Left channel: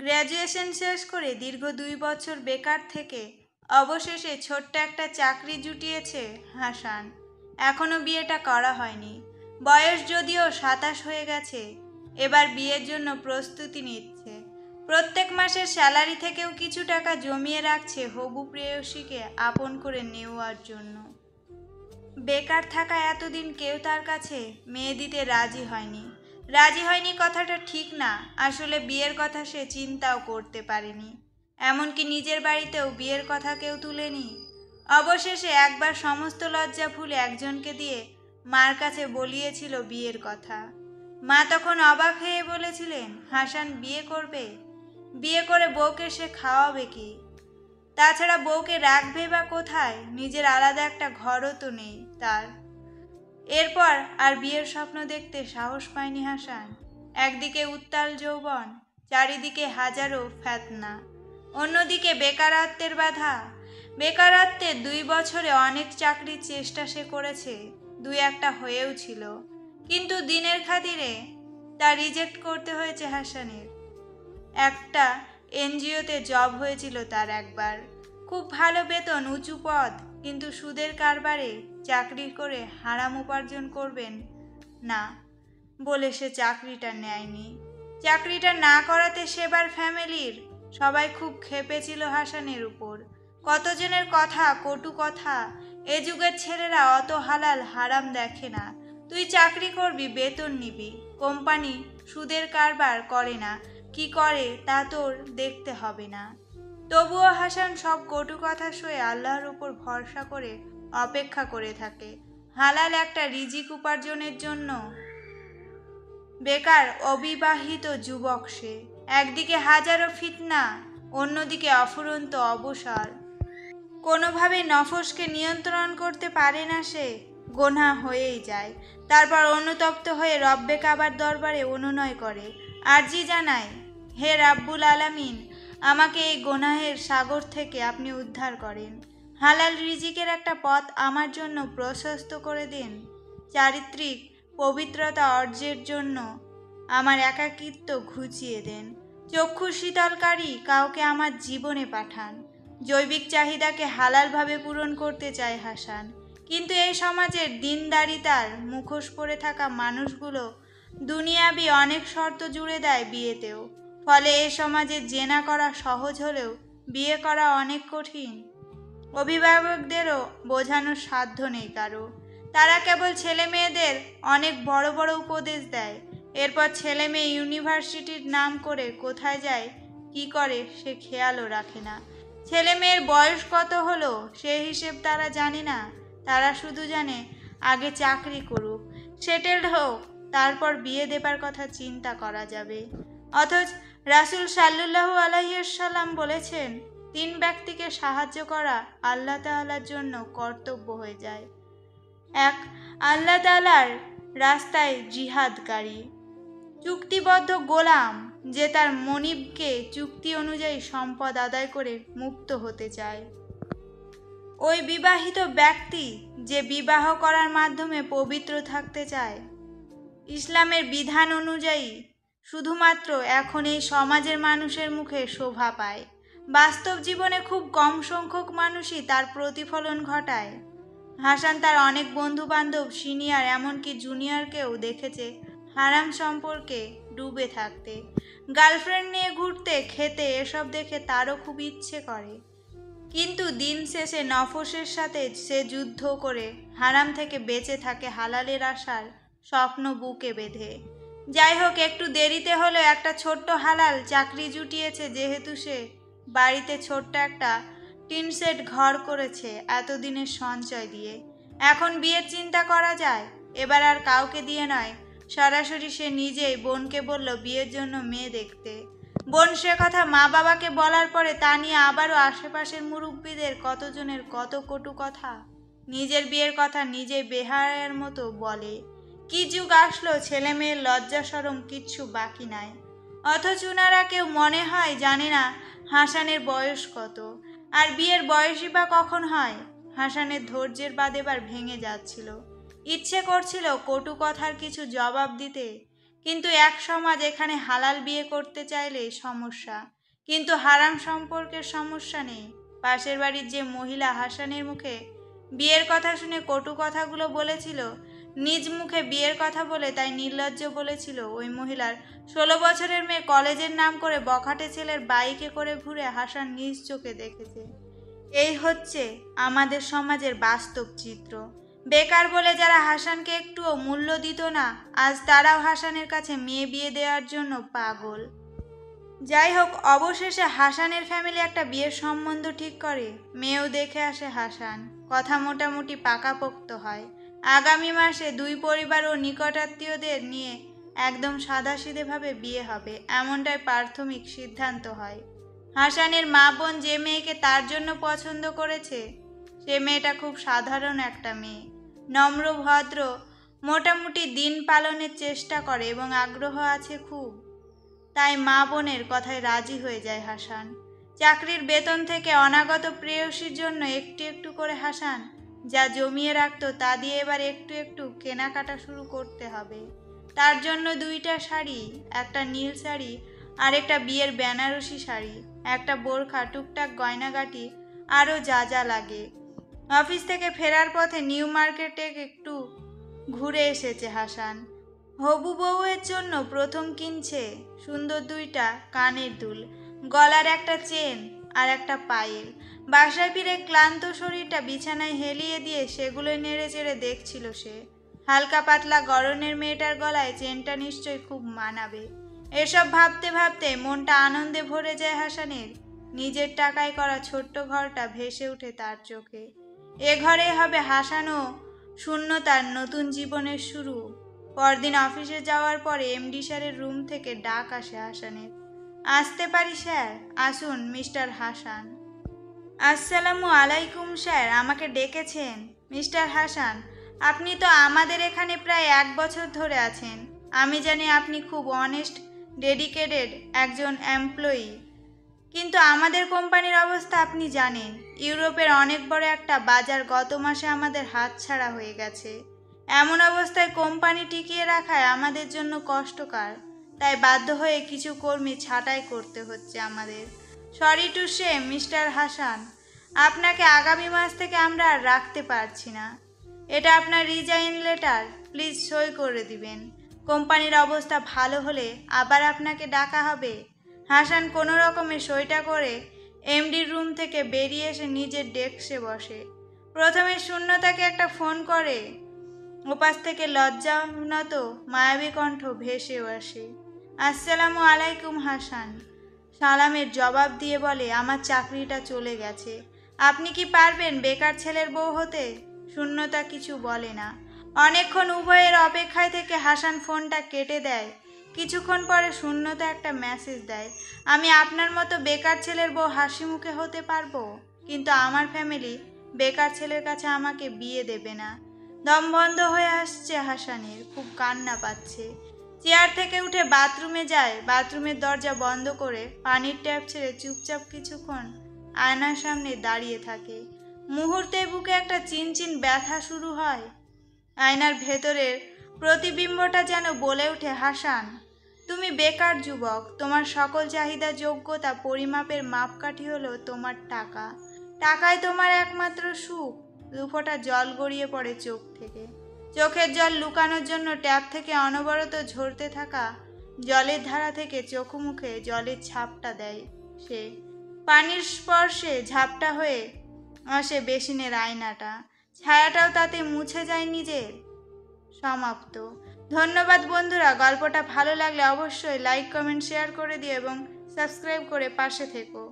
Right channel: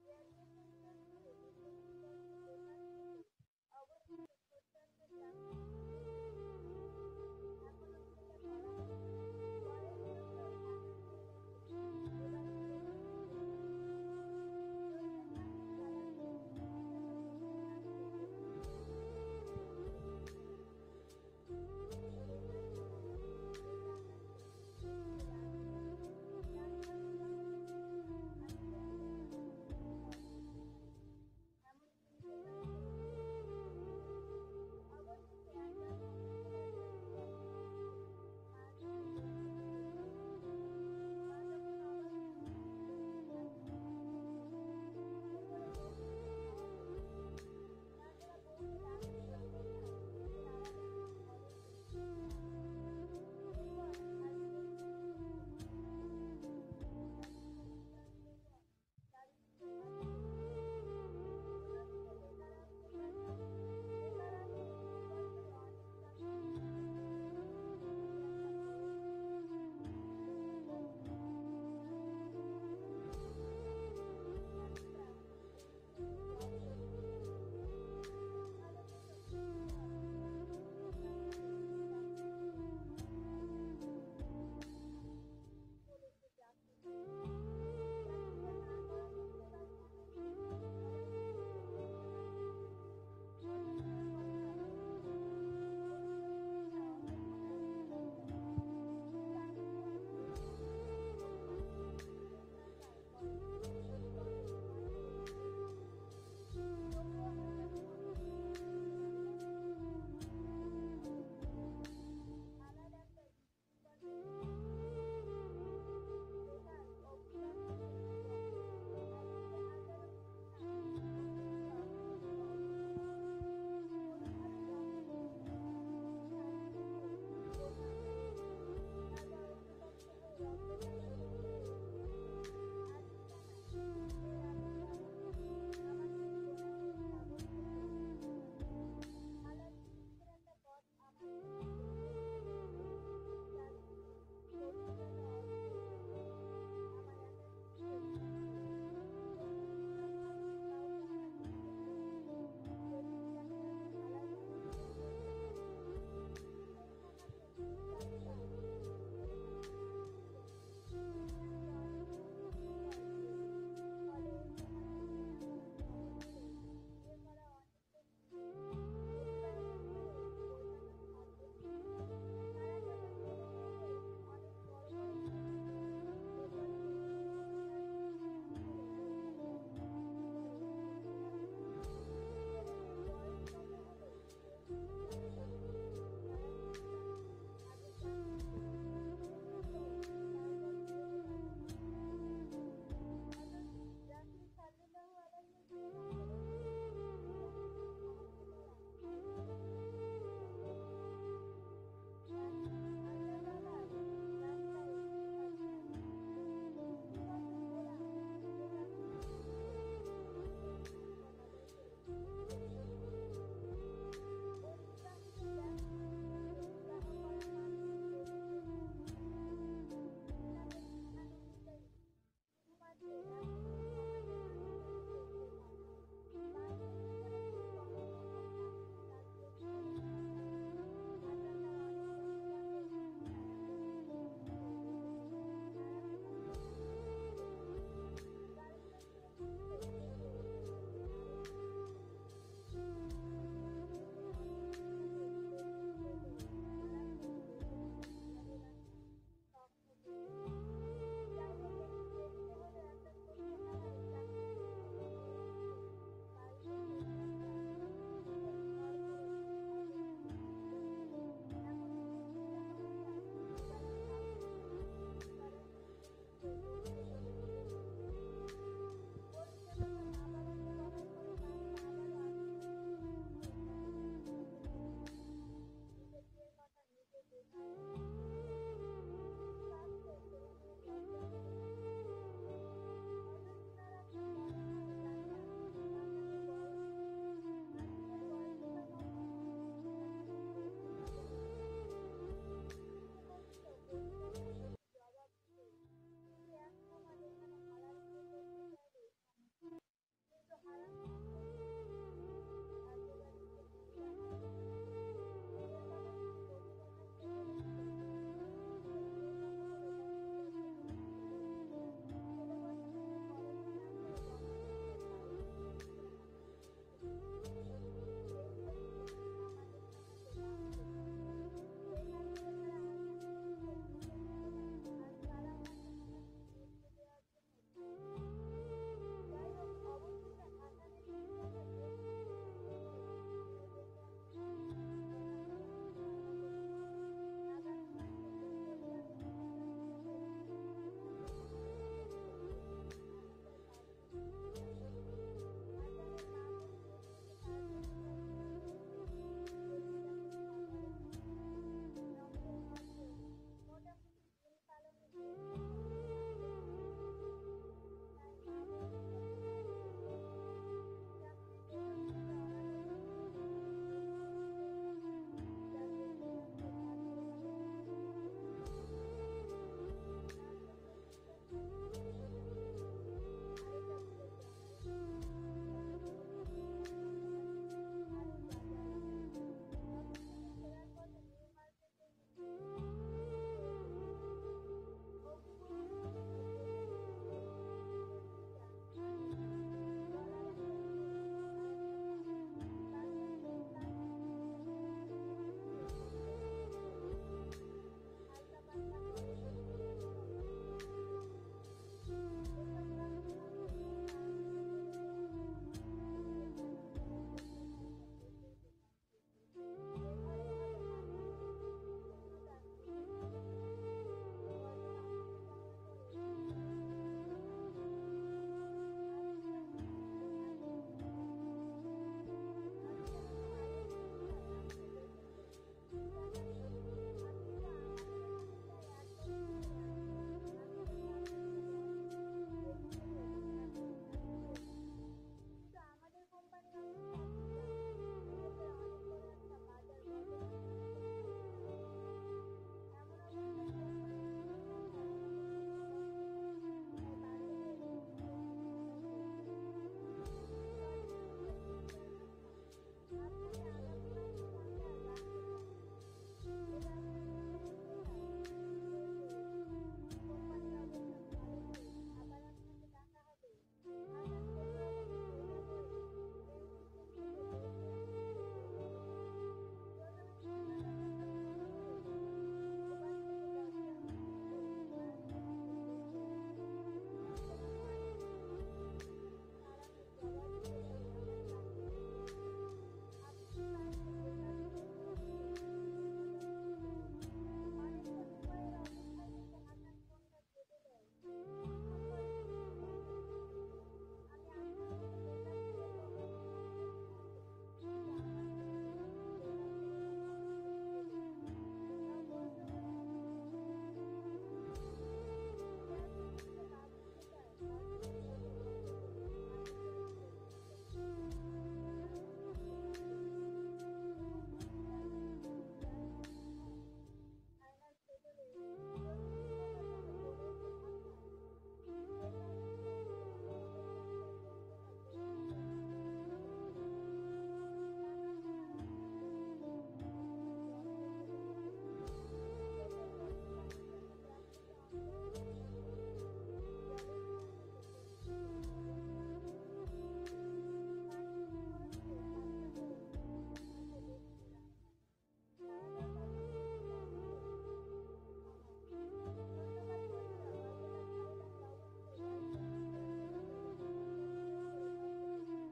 Graduation শেষ করে দীর্ঘ 2 বছর বেকার থেকে অবশেষে ছোট্ট একটা চাকরি জুটিয়েছে হাসান। এখনো বিয়েটা করা হয়নি, বয়স যদিও 27 হয়ে গেছে। এবার বিয়ের জন্য প্রস্তুতি নিচ্ছে। প্রত্যেক মাসের স্যালারি থেকেও কিছু টাকা জমিয়ে রাখছে হবু প্রেয়সীকে আপন করে নেওয়ার জন্য। বেকার থাকা এতদিন কেউ তার কাছে মেয়ে দিতে রাজি হয়নি কথাটা ঠিক না, আসলে বিয়ের কথা সে চিন্তাও করতে পারেনি। এমনকি নিজের বাড়িতেও বিয়ের কথা কেউ তুলেনি। অবশেষে একবার সমস্ত লজ্জা ভুলে একজনকে দিয়ে মার কাছে বলিয়েছিল বিয়ের কথা। মা তখন অবাক হয়ে বলেছিলেন, হাসান বিয়ে করবে? বিয়ে করে বউকে সে খাওয়াবে কি? তাছাড়া বউকে রাখবে বা কোথায়? নিজের আলাদা একটা ঘরও তো নেই তার। এরপর আর বিয়ের স্বপ্ন দেখতে সাহস পায়নি হাসান। একদিকে উত্তাল যৌবন, চারিদিকে হাজারো ফ্যাতনা, অন্যদিকে বেকারত্বের বাধা। বেকারত্বে 2 বছরে অনেক চাকরির চেষ্টা সে করেছে, 2-1টা হয়েও ছিল, কিন্তু দিনের খাতিরে তা রিজেক্ট করতে হয়েছে হাসানের। একটা এনজিওতে জব হয়েছিল তার একবার, খুব ভালো বেতন, উঁচু পদ, কিন্তু সুদের কারবারে চাকরি করে হারাম উপার্জন করবেন না বলে সে চাকরিটা নেয়নি। চাকরিটা না করাতে সেবার ফ্যামিলির সবাই খুব ক্ষেপেছিল হাসানের উপর। কতজনের কথা, কটু কথা। এ যুগের ছেলেরা অত হালাল হারাম দেখে না। তুই চাকরি করবি, বেতন নিবি, কোম্পানি সুদের কারবার করে না, কি করে তা তোর দেখতে হবে না। তবুও হাসান সব কটু কথা সয়ে আল্লাহর উপর ভরসা করে অপেক্ষা করে থাকে হালাল একটা রিজিক উপার্জনের জন্য। বেকার অবিবাহিত যুবক সে, একদিকে হাজারো ফিতনা, অন্যদিকে অফুরন্ত অবসর। কোনোভাবে নফসকে নিয়ন্ত্রণ করতে পারে না সে, গোনাহ হয়েই যায়। তারপর অনুতপ্ত হয়ে রব্বে কাবার দরবারে অনুনয় করে, আরজি জানায়, হে রাব্বুল আলামিন, আমাকে এই গোনাহের সাগর থেকে আপনি উদ্ধার করেন। হালাল রিজিকের একটা পথ আমার জন্য প্রশস্ত করে দিন। চারিত্রিক পবিত্রতা অর্জের জন্য আমার একাকিত্ব ঘুচিয়ে দেন। চক্ষু শীতলকারী কাউকে আমার জীবনে পাঠান। জৈবিক চাহিদাকে হালালভাবে পূরণ করতে চায় হাসান, কিন্তু এই সমাজের দিনদারিতার মুখোশ পরে থাকা মানুষগুলো দুনিয়াবি অনেক শর্ত জুড়ে দেয় বিয়েতেও। ফলে এই সমাজে জেনা করা সহজ হলেও বিয়ে করা অনেক কঠিন। অভিভাবকদেরও বোঝানোর সাধ্য নেই কারো। তারা কেবল ছেলে মেয়েদের অনেক বড় বড় উপদেশ দেয়, এরপর ছেলে মেয়ে ইউনিভার্সিটির নাম করে কোথায় যায়, কি করে সে খেয়ালও রাখে না। ছেলে মেয়ের বয়স কত হলো সে হিসেব তারা জানে না। তারা শুধু জানে আগে চাকরি করুক, সেটেলড হোক, তারপর বিয়ে দেবার কথা চিন্তা করা যাবে। অথচ রাসূল সাল্লাল্লাহু আলাইহি ওয়াসাল্লাম বলেছেন, 3 ব্যক্তিকে সাহায্য করা আল্লাহ তাআলার জন্য কর্তব্য হয়ে যায়। 1, আল্লাহ তাআলার রাস্তায় জিহাদকারী, চুক্তিবদ্ধ গোলাম যে তার মনিবকে চুক্তি অনুযায়ী সম্পদ আদায় করে মুক্ত হতে চায়। ওই বিবাহিত ব্যক্তি যে বিবাহ করার মাধ্যমে পবিত্র থাকতে চায় ইসলামের বিধান অনুযায়ী। শুধুমাত্র এখন এই সমাজের মানুষের মুখে শোভা পায়, বাস্তব জীবনে খুব কম সংখ্যক মানুষই তার প্রতিফলন ঘটায়। হাসান তার অনেক বন্ধু বান্ধব, সিনিয়র এমনকি জুনিয়রকেও দেখেছে হারাম সম্পর্কে ডুবে থাকতে। গার্লফ্রেন্ড নিয়ে ঘুরতে, খেতে, এসব দেখে তারও খুব ইচ্ছে করে, কিন্তু দিন শেষে নফসের সাথে সে যুদ্ধ করে হারাম থেকে বেঁচে থাকে হালালের আশার স্বপ্ন বুকে বেঁধে। যাই হোক, একটু দেরিতে হলেও একটা ছোট্ট হালাল চাকরি জুটিয়েছে, যেহেতু সে বাড়িতে ছোট্ট একটা টিন সেট ঘর করেছে এতদিনের সঞ্চয় দিয়ে। এখন বিয়ের চিন্তা করা যায়, এবার আর কাউকে দিয়ে নয়, সরাসরি সে নিজেই বোনকে বলল বিয়ের জন্য মেয়ে দেখতে। বোন সে কথা মা বাবাকে বলার পরে তা নিয়ে আবারও আশেপাশের মুরব্বীদের কতজনের কত কটু কথা। নিজের বিয়ের কথা নিজে বেহায়ের মতো বলে। কি যুগ আসলো, ছেলে মেয়ের লজ্জা শরম কিচ্ছু বাকি নাই। অথচ উনারা কেউ মনে হয় জানে না হাসানের বয়স কত, আর বিয়ের বয়সই বা কখন হয়। হাসানের ধৈর্যের বাঁধ এবার ভেঙে যাচ্ছিল। ইচ্ছে করছিল কটু কথার কিছু জবাব দিতে, কিন্তু এক সমাজ এখানে হালাল বিয়ে করতে চাইলে সমস্যা, কিন্তু হারাম সম্পর্কের সমস্যা নেই। পাশের বাড়ির যে মহিলা হাসানের মুখে বিয়ের কথা শুনে কটু কথাগুলো বলেছিল, নিজ মুখে বিয়ের কথা বলে তাই নির্লজ্জ বলেছিল, ওই মহিলার 16 বছরের মেয়ে কলেজের নাম করে বখাটে ছেলের বাইকে করে ঘুরে হাসান নিজ চোখে দেখেছে। এই হচ্ছে আমাদের সমাজের বাস্তব চিত্র। বেকার বলে যারা হাসানকে একটুও মূল্য দিত না, আজ তারাও হাসানের কাছে মেয়ে বিয়ে দেওয়ার জন্য পাগল। যাই হোক, অবশেষে হাসানের ফ্যামিলি একটা বিয়ের সম্বন্ধ ঠিক করে। মেয়েও দেখে আসে হাসান, কথা মোটামুটি পাকাপোক্ত হয়। আগামী মাসে দুই পরিবার ও নিকটাত্মীয়দের নিয়ে একদম সাদাসিধেভাবে বিয়ে হবে, এমনটাই প্রাথমিক সিদ্ধান্ত হয়। হাসানের মা বোন যে মেয়েকে তার জন্য পছন্দ করেছে, সে মেয়েটা খুব সাধারণ একটা মেয়ে, নম্র ভদ্র, মোটামুটি দিন পালনের চেষ্টা করে এবং আগ্রহ আছে খুব। তাই মা বোনের কথায় রাজি হয়ে যায় হাসান। চাকরির বেতন থেকে অনাগত প্রেয়সীর জন্য একটু একটু করে হাসান যা জমিয়ে রাখতো তা দিয়ে এবার একটু একটু কেনাকাটা শুরু করতে হবে। তার জন্য 2টা শাড়ি, একটা নীল শাড়ি আর একটা বিয়ের বেনারসি শাড়ি, একটা বোরখা, টুকটাক গয়নাগাটি, আরও যা যা লাগে। অফিস থেকে ফেরার পথে নিউ মার্কেটে একটু ঘুরে এসেছে হাসান। হবু বউয়ের জন্য প্রথম কিনছে সুন্দর 2টা কানের দুল, গলার একটা চেন আর একটা পায়েল। বাসায় ফিরে ক্লান্ত শরীরটা বিছানায় হেলিয়ে দিয়ে সেগুলোই নেড়ে চেড়ে দেখছিল সে। হালকা পাতলা গড়নের মেয়েটার গলায় চেনটা নিশ্চয়ই খুব মানাবে। এসব ভাবতে ভাবতে মনটা আনন্দে ভরে যায় হাসানের। নিজের টাকায় করা ছোট্ট ঘরটা ভেসে ওঠে তার চোখে। এ ঘরে হবে হাসান ও শূন্যতার নতুন জীবনের শুরু। পরদিন অফিসে যাওয়ার পরে এমডি স্যারের রুম থেকে ডাক আসে হাসানের। আসতে পারি স্যার? আসুন মিস্টার হাসান। আসসালামু আলাইকুম স্যার, আমাকে ডেকেছেন? মিস্টার হাসান, আপনি তো আমাদের এখানে প্রায় 1 বছর ধরে আছেন। আমি জানি আপনি খুব অনেস্ট, ডেডিকেটেড একজন এমপ্লয়ি, কিন্তু আমাদের কোম্পানির অবস্থা আপনি জানেন। ইউরোপের অনেক বড় একটা বাজার গত মাসে আমাদের হাতছাড়া হয়ে গেছে। এমন অবস্থায় কোম্পানি টিকিয়ে রাখায় আমাদের জন্য কষ্টকর, তাই বাধ্য হয়ে কিছু কর্মী ছাঁটাই করতে হচ্ছে আমাদের। Sorry to say mister Hasan, আপনাকে আগামী মাস থেকে আমরা আর রাখতে পারছি না। এটা আপনার রিজাইন লেটার, প্লিজ সই করে দিবেন। কোম্পানির অবস্থা ভালো হলে আবার আপনাকে ডাকা হবে। হাসান কোনো রকমে সইটা করে এমডির রুম থেকে বেরিয়ে এসে নিজের ডেস্কে বসে। প্রথমে শূন্যতাকে একটা ফোন করে। ওপাশ থেকে লজ্জানত মায়াবী কণ্ঠ ভেসেও আসে। আসসালামু আলাইকুম হাসান সালামের জবাব দিয়ে বলে, আমার চাকরিটা চলে গেছে। আপনি কি পারবেন বেকার ছেলের বউ হতে? শূন্যতা কিছু বলে না। অনেকক্ষণ উভয়ের অপেক্ষায় থেকে হাসান ফোনটা কেটে দেয়। কিছুক্ষণ পরে শূন্যতা একটা মেসেজ দেয়, আমি আপনার মতো বেকার ছেলের বউ হাসি মুখে হতে পারবো, কিন্তু আমার ফ্যামিলি বেকার ছেলের কাছে আমাকে বিয়ে দেবে না। দম বন্ধ হয়ে আসছে হাসানের, খুব কান্না পাচ্ছে। চেয়ার থেকে উঠে বাথরুমে যায়। বাথরুমের দরজা বন্ধ করে পানির ট্যাপ ছেড়ে চুপচাপ কিছুক্ষণ আয়নার সামনে দাঁড়িয়ে থাকে। মুহূর্তে বুকে একটা চিনচিন ব্যথা শুরু হয়। আয়নার ভেতরের প্রতিবিম্বটা যেন বলে ওঠে, হাসান তুমি বেকার যুবক, তোমার সকল চাহিদা যোগ্যতা পরিমাপের মাপকাঠি হলো তোমার টাকা। টাকায় তোমার একমাত্র সুখ। 2 ফোঁটা জল গড়িয়ে পড়ে চোখ থেকে। চোখের জল লুকানোর জন্য ট্যাপ থেকে অনবরত ঝরতে থাকা জলের ধারা থেকে চোখ মুখে জলের ছাপটা দেয় সে। পানির স্পর্শে ঝাপটা হয়ে আসে বেসিনের আয়নাটা, ছায়াটাও তাতে মুছে যায় নিজের। সমাপ্ত। ধন্যবাদ বন্ধুরা, গল্পটা ভালো লাগলে অবশ্যই লাইক, কমেন্ট, শেয়ার করে দিও এবং সাবস্ক্রাইব করে পাশে থেকো।